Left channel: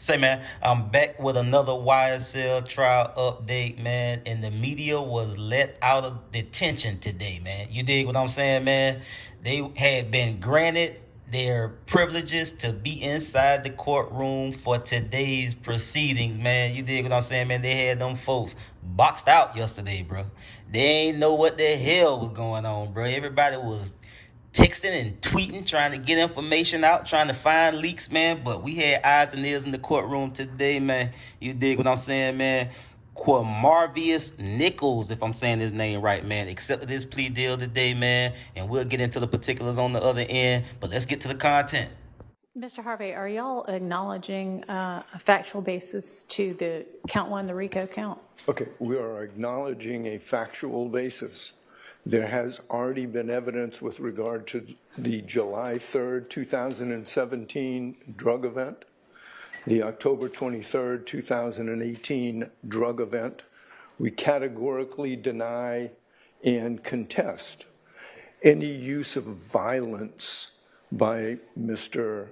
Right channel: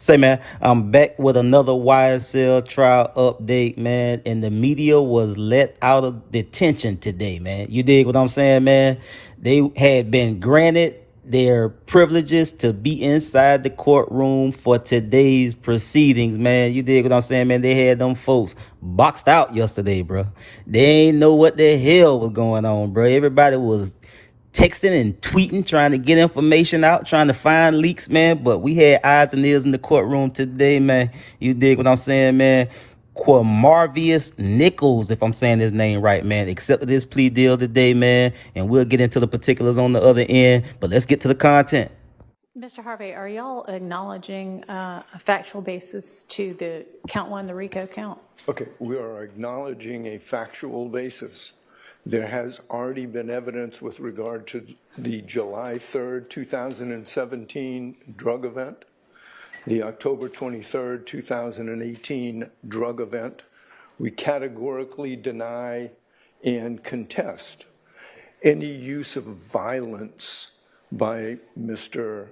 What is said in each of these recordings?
Say, man, I'm back with another YSL trial update, man. And the media was let out of detention today, man. You dig what I'm saying, man? They had been granted their privileges to be inside the courtroom for today's proceedings, man. You dig what I'm saying, man? They had them folks boxed out yesterday, bro. They ain't know what the hell was going on, bro. Everybody was texting and tweeting, trying to get information out, trying to find leaks, man. But we had eyes and ears in the courtroom today, man. You dig what I'm saying, man? Quamarvius Nichols, if I'm saying his name right, man, accepted this plea deal today, man. And we'll get into the particulars on the other end. But let's get to the content. Mr. Harvey, are y'all acknowledging a factual basis to the count one, the RICO count? Okay, we are acknowledging a factual basis. There has already been evidence with regard to the July 3rd, 2017 drug event, the October 23rd, 2018 drug event. We categorically deny and contest any use of violence by Mr.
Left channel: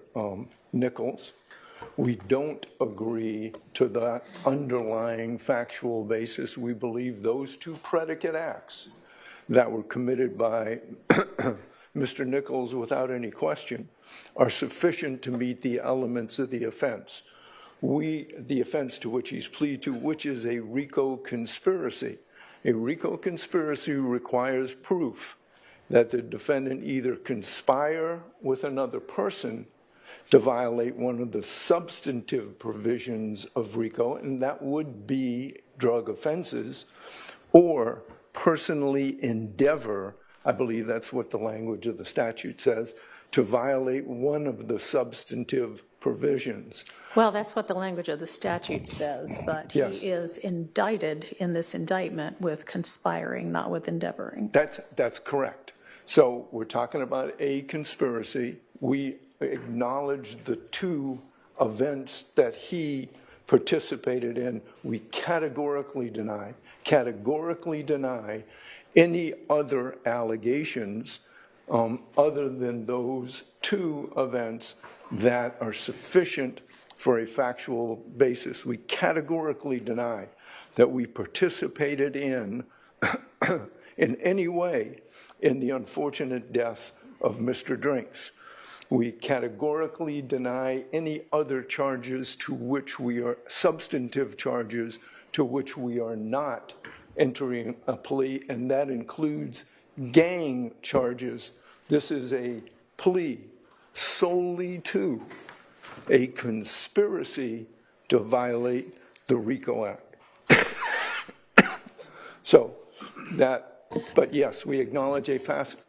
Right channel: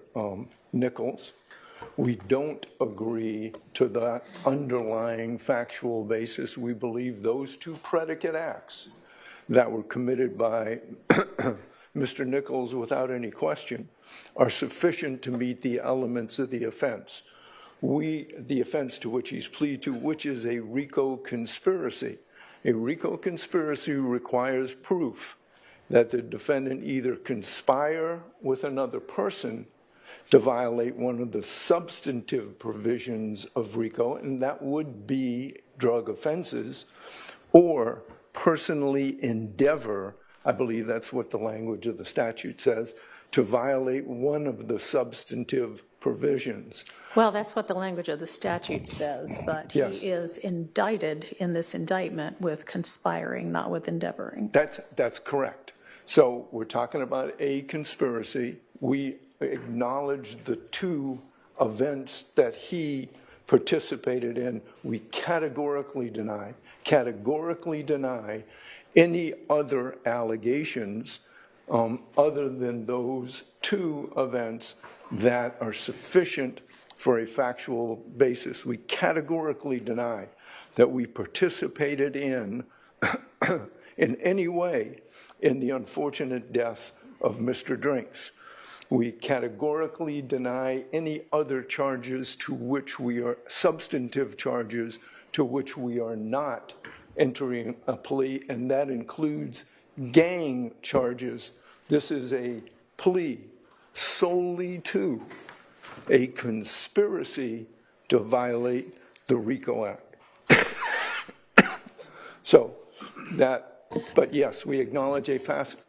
Nichols. We don't agree to that underlying factual basis. We believe those two predicate acts that were committed by Mr. Nichols without any question are sufficient to meet the elements of the offense. The offense to which he's pleaded to, which is a RICO conspiracy. A RICO conspiracy requires proof that the defendant either conspire with another person to violate one of the substantive provisions of RICO, and that would be drug offenses, or personally endeavor, I believe that's what the language of the statute says, to violate one of the substantive provisions. Well, that's what the language of the statute says, but Yes. he is indicted in this indictment with conspiring, not with endeavoring. That's correct. So we're talking about a conspiracy. We acknowledge the two events that he participated in. We categorically deny any other allegations other than those two events that are sufficient for a factual basis. We categorically deny that we participated in any way in the unfortunate death of Mr. Drinks. We categorically deny any other charges to which we are, substantive charges to which we are not entering a plea, and that includes gang charges. This is a plea solely to a conspiracy to violate the RICO Act. But yes, we acknowledge a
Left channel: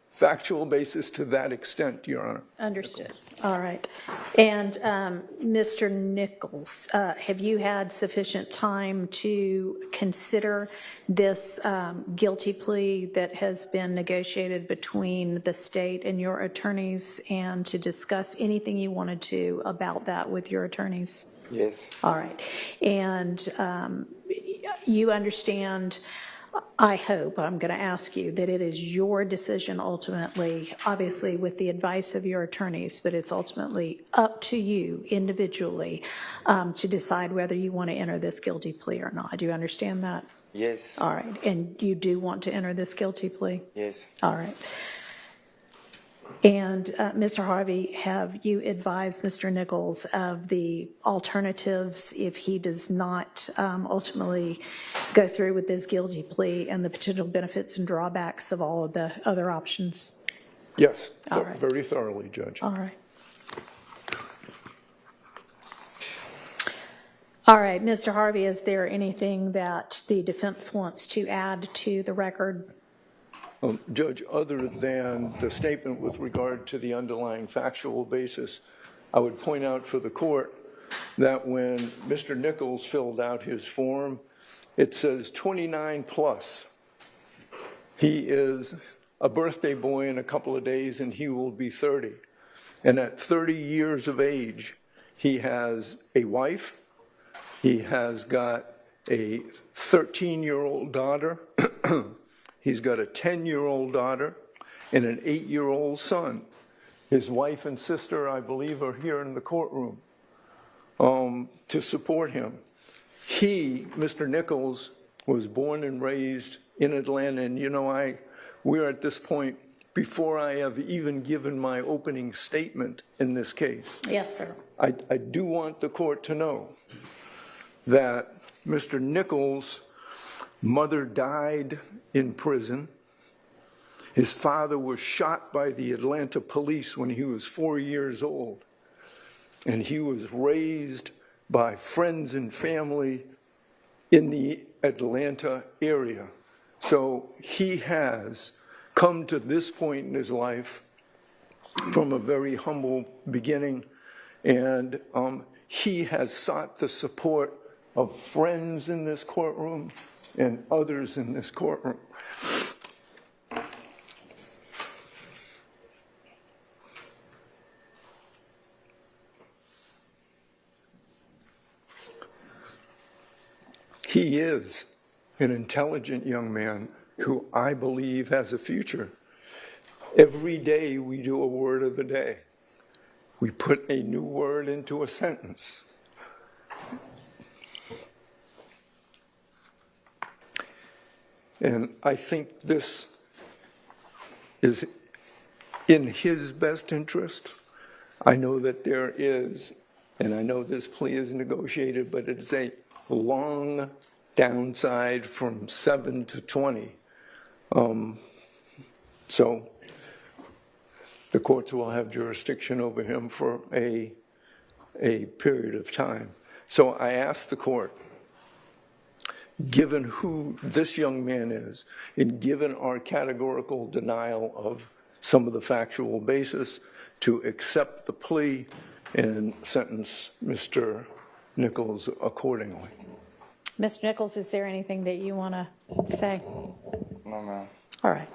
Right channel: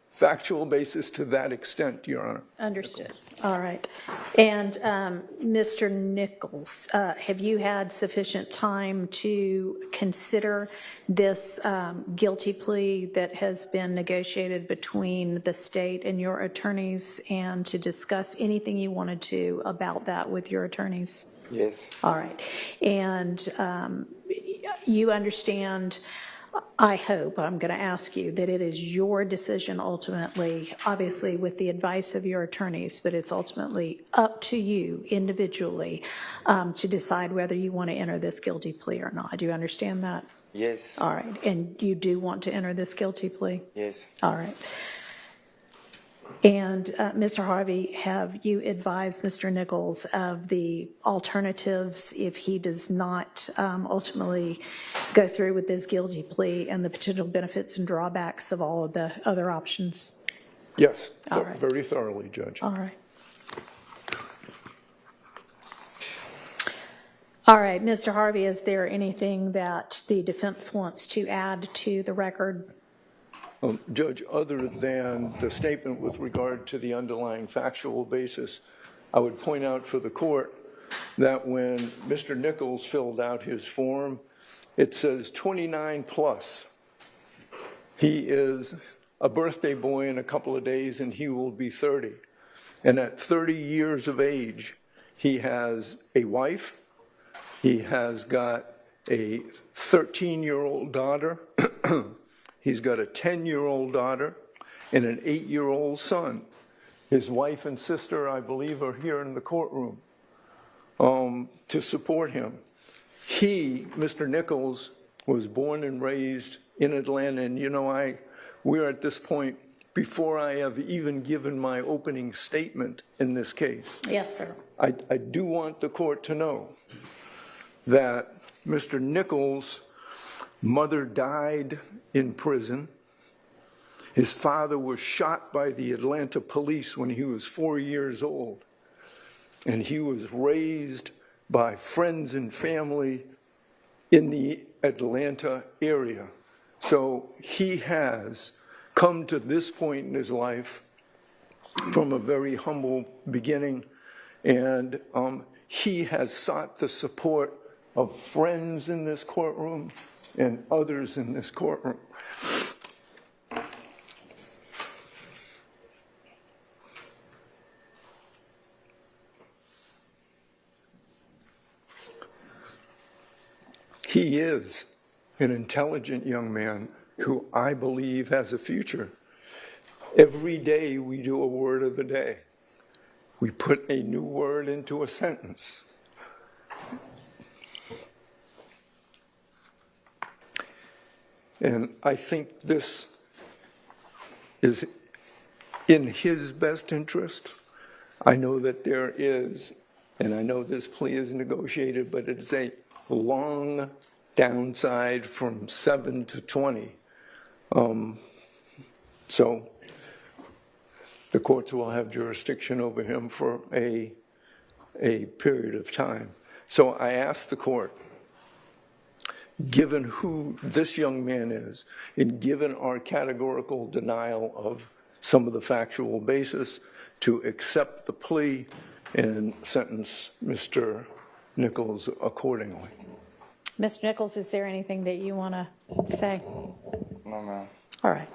factual basis to that extent, Your Honor. Understood. All right. And Mr. Nichols, have you had sufficient time to consider this guilty plea that has been negotiated between the state and your attorneys, and to discuss anything you wanted to about that with your attorneys? Yes. All right. And you understand, I hope, I'm going to ask you, that it is your decision ultimately, obviously with the advice of your attorneys, but it's ultimately up to you individually to decide whether you want to enter this guilty plea or not. Do you understand that? Yes. All right. And you do want to enter this guilty plea? Yes. All right. And Mr. Harvey, have you advised Mr. Nichols of the alternatives if he does not ultimately go through with this guilty plea, and the potential benefits and drawbacks of all of the other options? Yes, All right. very thoroughly, Judge. All right. All right, Mr. Harvey, is there anything that the defense wants to add to the record? Judge, other than the statement with regard to the underlying factual basis, I would point out for the court that when Mr. Nichols filled out his form, it says 29 plus. He is a birthday boy in a couple of days, and he will be 30. And at 30 years of age, he has a wife. He has got a 13-year-old daughter. He's got a 10-year-old daughter and an 8-year-old son. His wife and sister, I believe, are here in the courtroom. to support him. He, Mr. Nichols, was born and raised in Atlanta, and we're at this point before I have even given my opening statement in this case. Yes, sir. I do want the court to know that Mr. Nichols' mother died in prison. His father was shot by the Atlanta police when he was 4 years old. And he was raised by friends and family in the Atlanta area. So he has come to this point in his life from a very humble beginning, and he has sought the support of friends in this courtroom and others in this courtroom. He is an intelligent young man who I believe has a future. Every day we do a word of the day. We put a new word into a sentence. And I think this is in his best interest. I know that there is, and I know this plea is negotiated, but it's a long downside from 7 to 20. So the courts will have jurisdiction over him for a period of time. So I ask the court, given who this young man is, and given our categorical denial of some of the factual basis, to accept the plea and sentence Mr. Nichols accordingly. Mr. Nichols, is there anything that you want to say? No, ma'am. All right.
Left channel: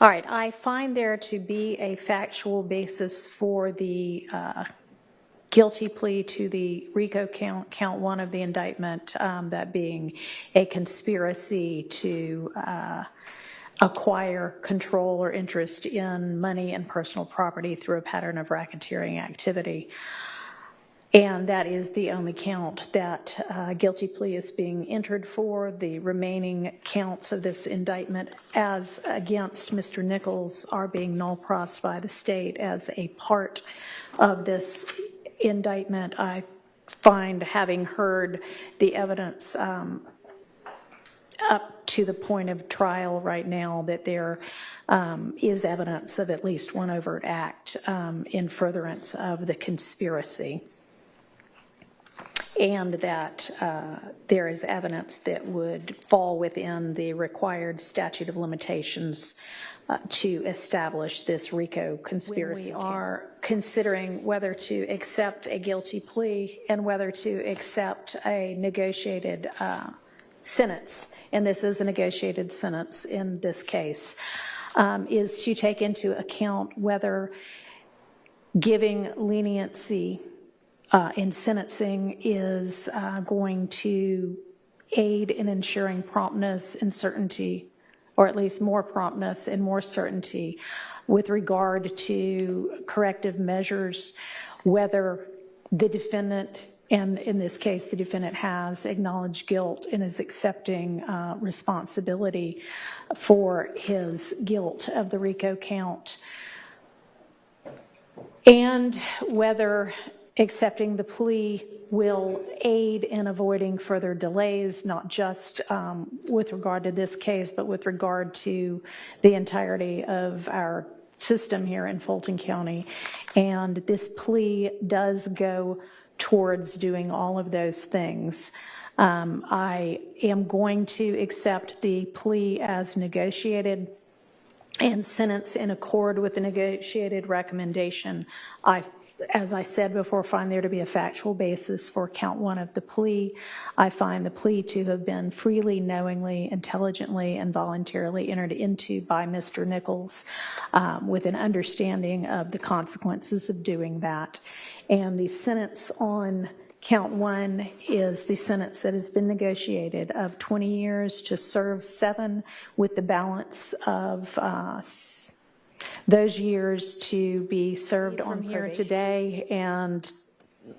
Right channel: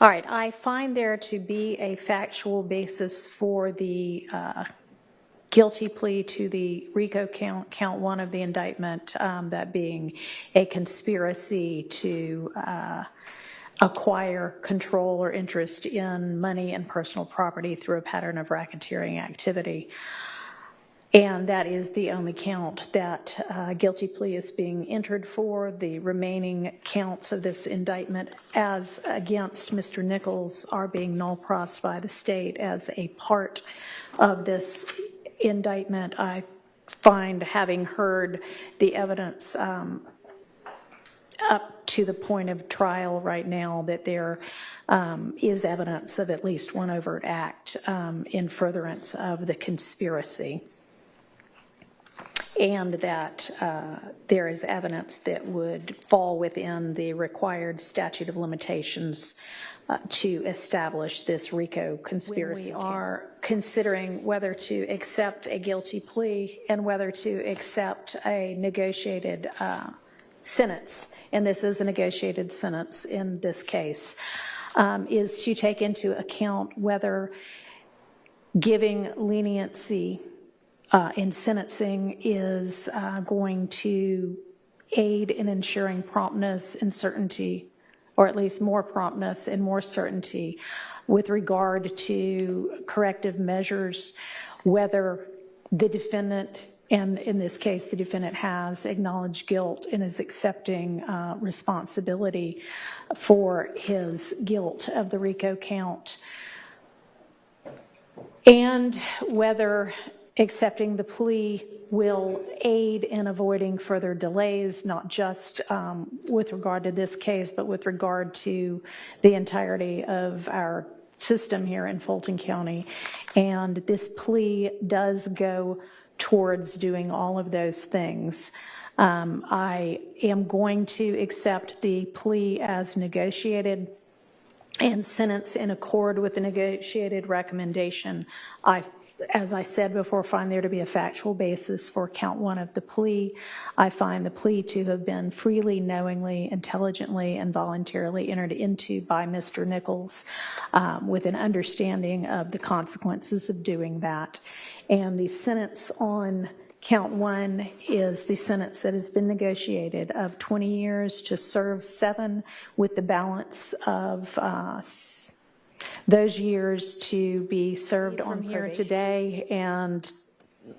All right, I find there to be a factual basis for the guilty plea to the RICO count one of the indictment, that being a conspiracy to acquire control or interest in money and personal property through a pattern of racketeering activity. And that is the only count that guilty plea is being entered for. The remaining counts of this indictment as against Mr. Nichols are being null pros by the state as a part of this indictment. I find, having heard the evidence up to the point of trial right now, that there is evidence of at least one overt act in furtherance of the conspiracy, and that there is evidence that would fall within the required statute of limitations to establish this RICO conspiracy. When we are considering whether to accept a guilty plea and whether to accept a negotiated sentence, and this is a negotiated sentence in this case, is to take into account whether giving leniency in sentencing is going to aid in ensuring promptness and certainty, or at least more promptness and more certainty with regard to corrective measures, whether the defendant, and in this case the defendant has acknowledged guilt and is accepting responsibility for his guilt of the RICO count, and whether accepting the plea will aid in avoiding further delays, not just with regard to this case, but with regard to the entirety of our system here in Fulton County. And this plea does go towards doing all of those things. I am going to accept the plea as negotiated and sentence in accord with the negotiated recommendation. As I said before, find there to be a factual basis for count one of the plea. I find the plea to have been freely, knowingly, intelligently, and voluntarily entered into by Mr. Nichols with an understanding of the consequences of doing that. And the sentence on count one is the sentence that has been negotiated of 20 years to serve 7, with the balance of those years to be served on here today, and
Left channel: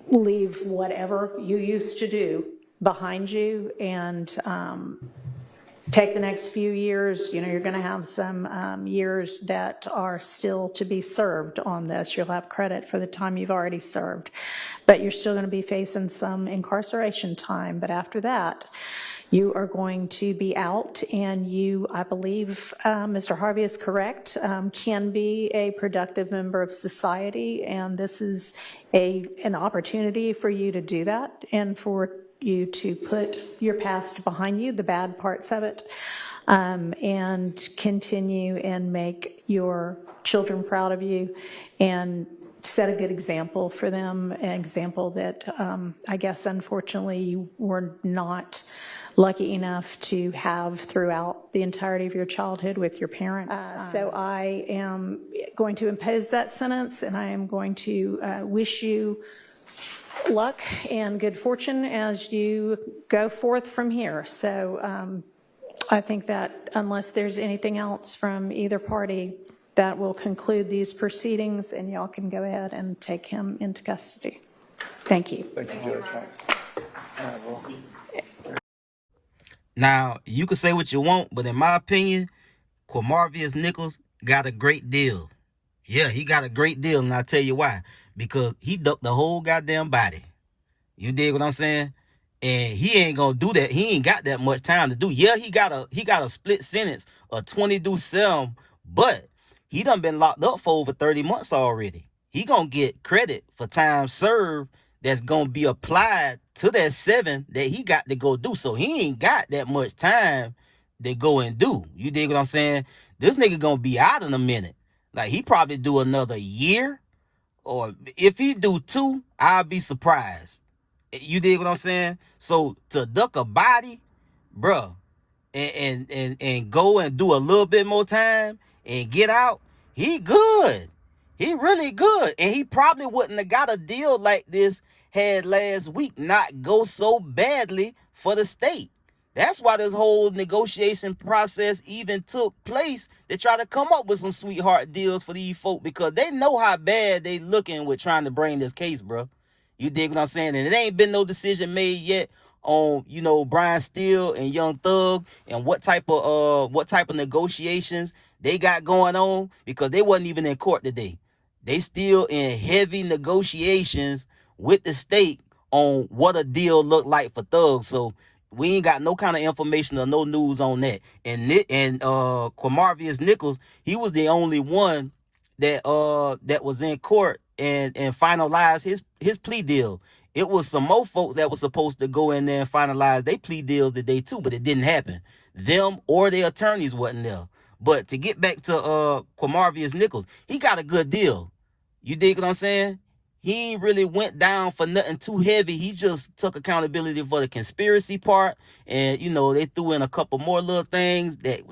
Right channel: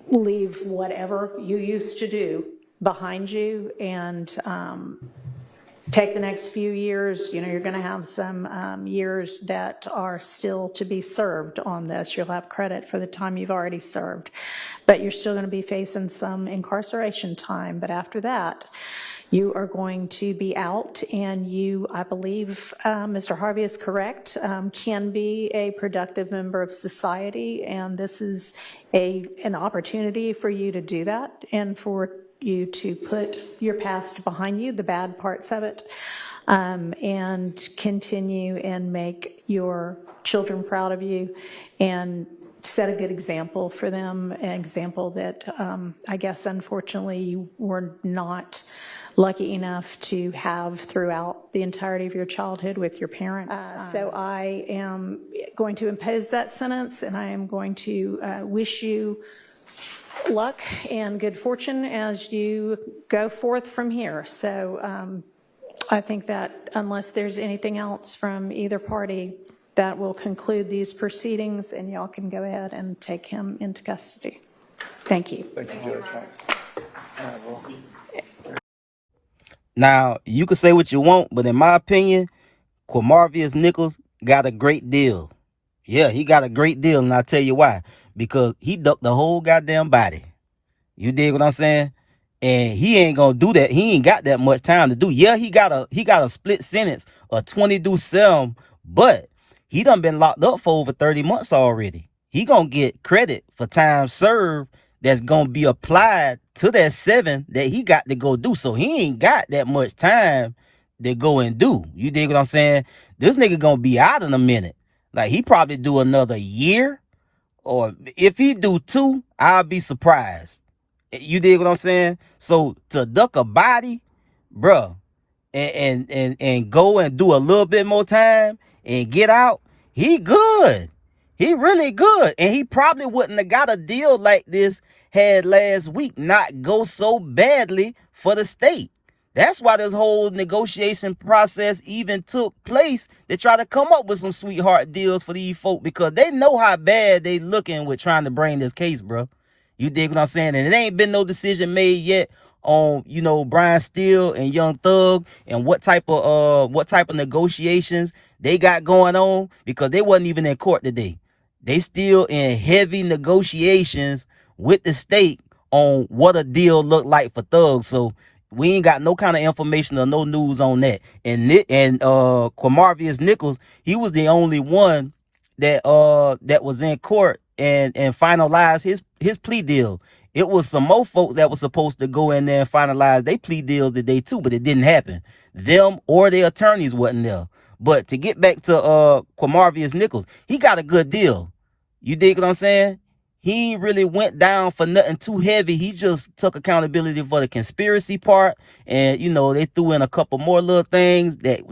leave whatever you used to do behind you and take the next few years. You know, you're going to have some years that are still to be served on this. You'll have credit for the time you've already served, but you're still going to be facing some incarceration time. But after that, you are going to be out, and you, I believe, Mr. Harvey is correct, can be a productive member of society, and this is an opportunity for you to do that and for you to put your past behind you, the bad parts of it, and continue and make your children proud of you and set a good example for them, an example that I guess unfortunately you were not lucky enough to have throughout the entirety of your childhood with your parents. So I am going to impose that sentence, and I am going to wish you luck and good fortune as you go forth from here. So I think that unless there's anything else from either party, that will conclude these proceedings, and y'all can go ahead and take him into custody. Thank you. Thank you, Judge. Now, you can say what you want, but in my opinion, Quamarvius Nichols got a great deal. Yeah, he got a great deal, and I'll tell you why. Because he ducked the whole goddamn body. You dig what I'm saying? And he ain't gonna do that. He ain't got that much time to do. Yeah, he got a split sentence, a 20-7, but he done been locked up for over 30 months already. He gonna get credit for time served that's gonna be applied to that 7 that he got to go do. So he ain't got that much time to go and do. You dig what I'm saying? This nigga gonna be out in a minute. Like, he probably do another year, or if he do 2, I'll be surprised. You dig what I'm saying? So to duck a body, bruh, and go and do a little bit more time and get out, he good. He really good. And he probably wouldn't have got a deal like this had last week not go so badly for the state. That's why this whole negotiation process even took place, to try to come up with some sweetheart deals for these folk, because they know how bad they looking with trying to bring this case, bro. You dig what I'm saying? And it ain't been no decision made yet on, you know, Brian Steele and Young Thug and what type of negotiations they got going on, because they wasn't even in court today. They still in heavy negotiations with the state on what a deal looked like for Thug. So we ain't got no kind of information or no news on that. And Quamarvius Nichols, he was the only one that was in court and finalized his plea deal. It was some more folks that was supposed to go in there and finalize their plea deals today too, but it didn't happen. Them or their attorneys wasn't there. But to get back to Quamarvius Nichols, he got a good deal. You dig what I'm saying? He really went down for nothing too heavy. He just took accountability for the conspiracy part, and you know, they threw in a couple more little things that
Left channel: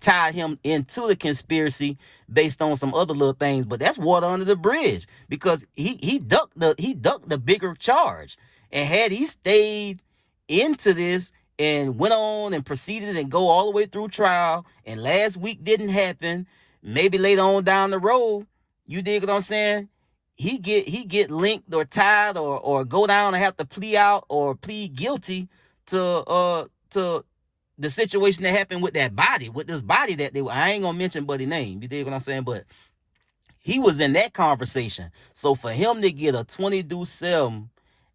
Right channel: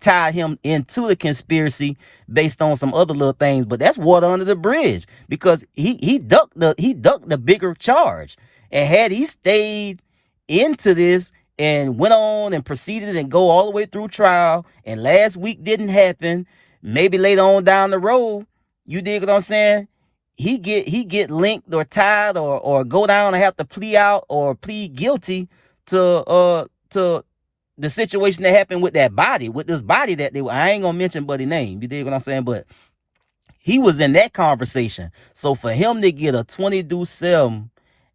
tied him into the conspiracy based on some other little things. But that's water under the bridge, because he ducked the bigger charge. And had he stayed into this and went on and proceeded and go all the way through trial, and last week didn't happen, maybe later on down the road, you dig what I'm saying, he get linked or tied or go down and have to plea out or plead guilty to the situation that happened with that body, with this body that I ain't gonna mention buddy name, you dig what I'm saying, but he was in that conversation. So for him to get a 20-7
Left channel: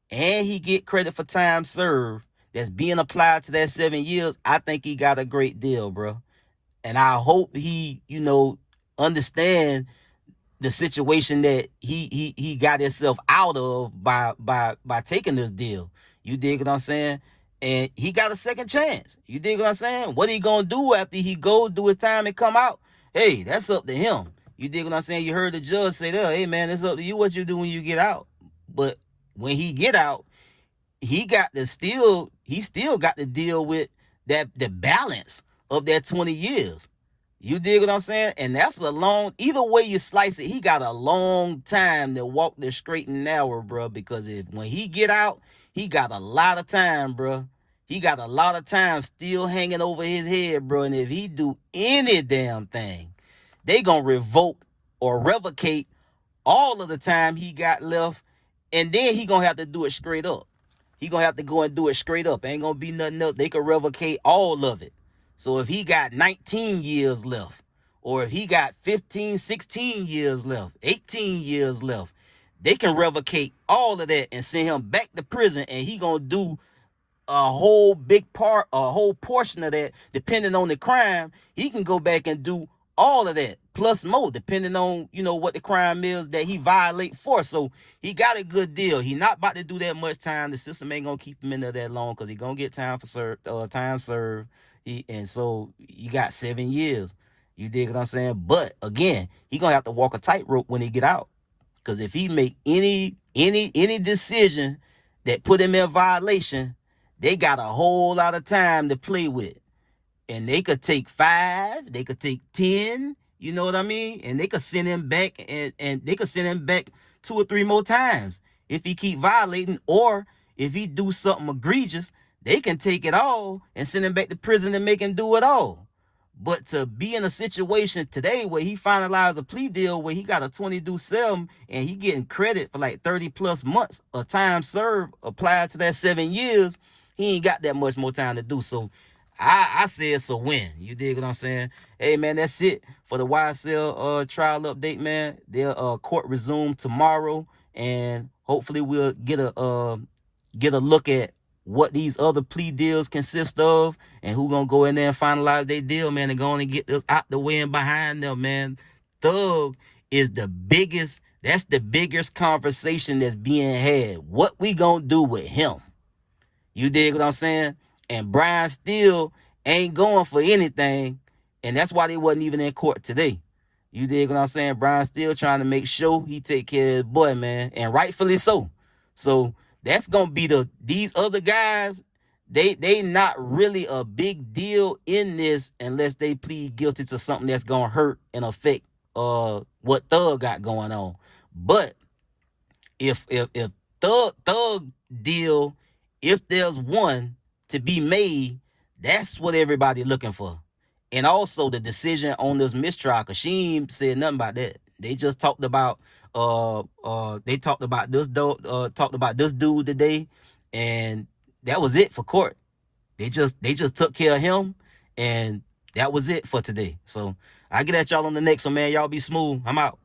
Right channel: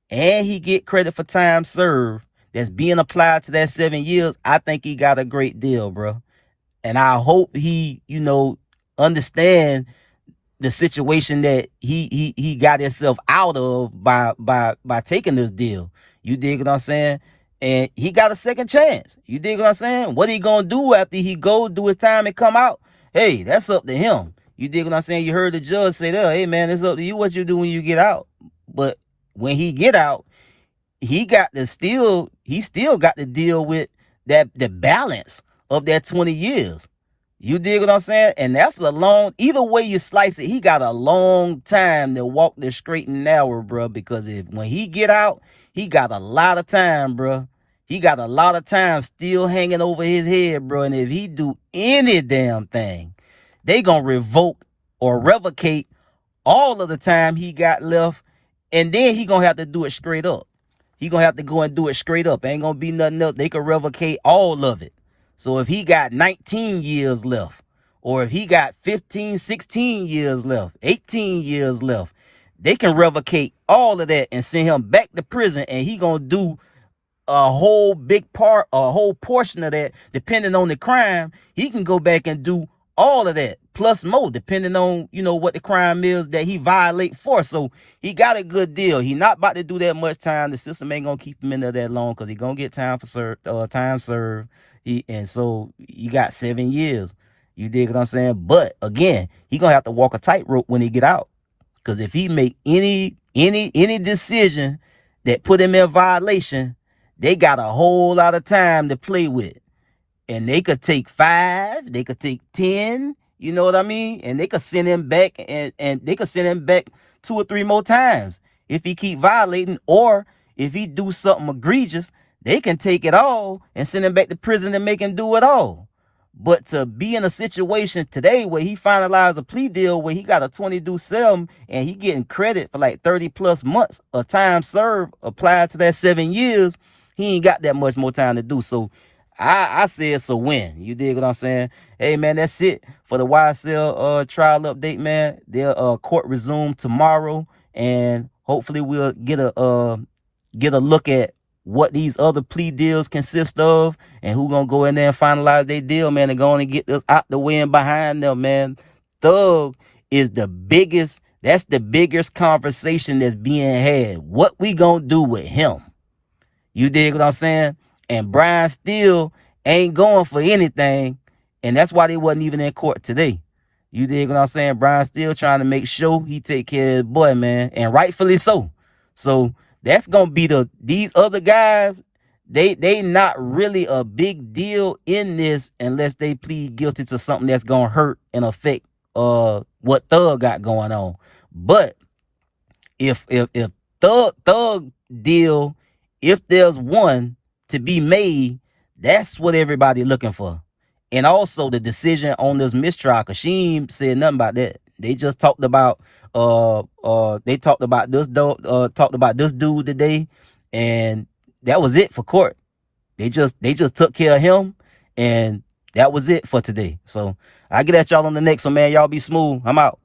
and he get credit for time served that's being applied to that 7 years, I think he got a great deal, bro. And I hope he, you know, understand the situation that he got himself out of by taking this deal. You dig what I'm saying? And he got a second chance. You dig what I'm saying? What he gonna do after he go do his time and come out? Hey, that's up to him. You dig what I'm saying? You heard the judge say that, hey man, it's up to you what you do when you get out. But when he get out, he still got to deal with the balance of that 20 years. You dig what I'm saying? And that's a long, either way you slice it, he got a long time to walk the straight and narrow, bro. Because when he get out, he got a lot of time, bro. He got a lot of time still hanging over his head, bro. And if he do any damn thing, they gonna revoke or revocate all of the time he got left, and then he gonna have to do it straight up. He gonna have to go and do it straight up. Ain't gonna be nothing else. They can revocate all of it. So if he got 19 years left, or if he got 15, 16 years left, 18 years left, they can revocate all of that and send him back to prison, and he gonna do a whole big part, a whole portion of that, depending on the crime. He can go back and do all of that plus more, depending on, you know, what the crime is that he violate for. So he got a good deal. He not about to do that much time. The system ain't gonna keep him in there that long, because he gonna get time for time served. And so you got 7 years. You dig what I'm saying? But again, he gonna have to walk a tightrope when he get out, because if he make any decision that put him in violation, they got a whole lot of time to play with. And they could take 5, they could take 10, you know what I mean? And they could send him back, and they could send him back 2 or 3 more times if he keep violating. Or if he do something egregious, they can take it all and send him back to prison and make him do it all. But to be in a situation today where he finalized a plea deal where he got a 20-7 and he getting credit for like 30 plus months of time served applied to that 7 years, he ain't got that much more time to do. So I say it's a win. You dig what I'm saying? Hey man, that's it for the YSL trial update, man. Their court resume tomorrow, and hopefully we'll get a look at what these other plea deals consist of, and who gonna go in there and finalize their deal, man, and go on and get this out the way and behind them, man. Thug is the biggest, that's the biggest conversation that's being had. What we gonna do with him? You dig what I'm saying? And Brian still ain't going for anything, and that's why they wasn't even in court today. You dig what I'm saying? Brian still trying to make sure he take care of his boy, man, and rightfully so. So that's gonna be these other guys, they not really a big deal in this unless they plead guilty to something that's gonna hurt and affect what Thug got going on. But if Thug deal, if there's one to be made, that's what everybody looking for. And also the decision on this mistrial, because she ain't said nothing about that. They just talked about this dude today, and that was it for court. They just took care of him, and that was it for today. So I get at y'all on the next one, man. Y'all be smooth. I'm out.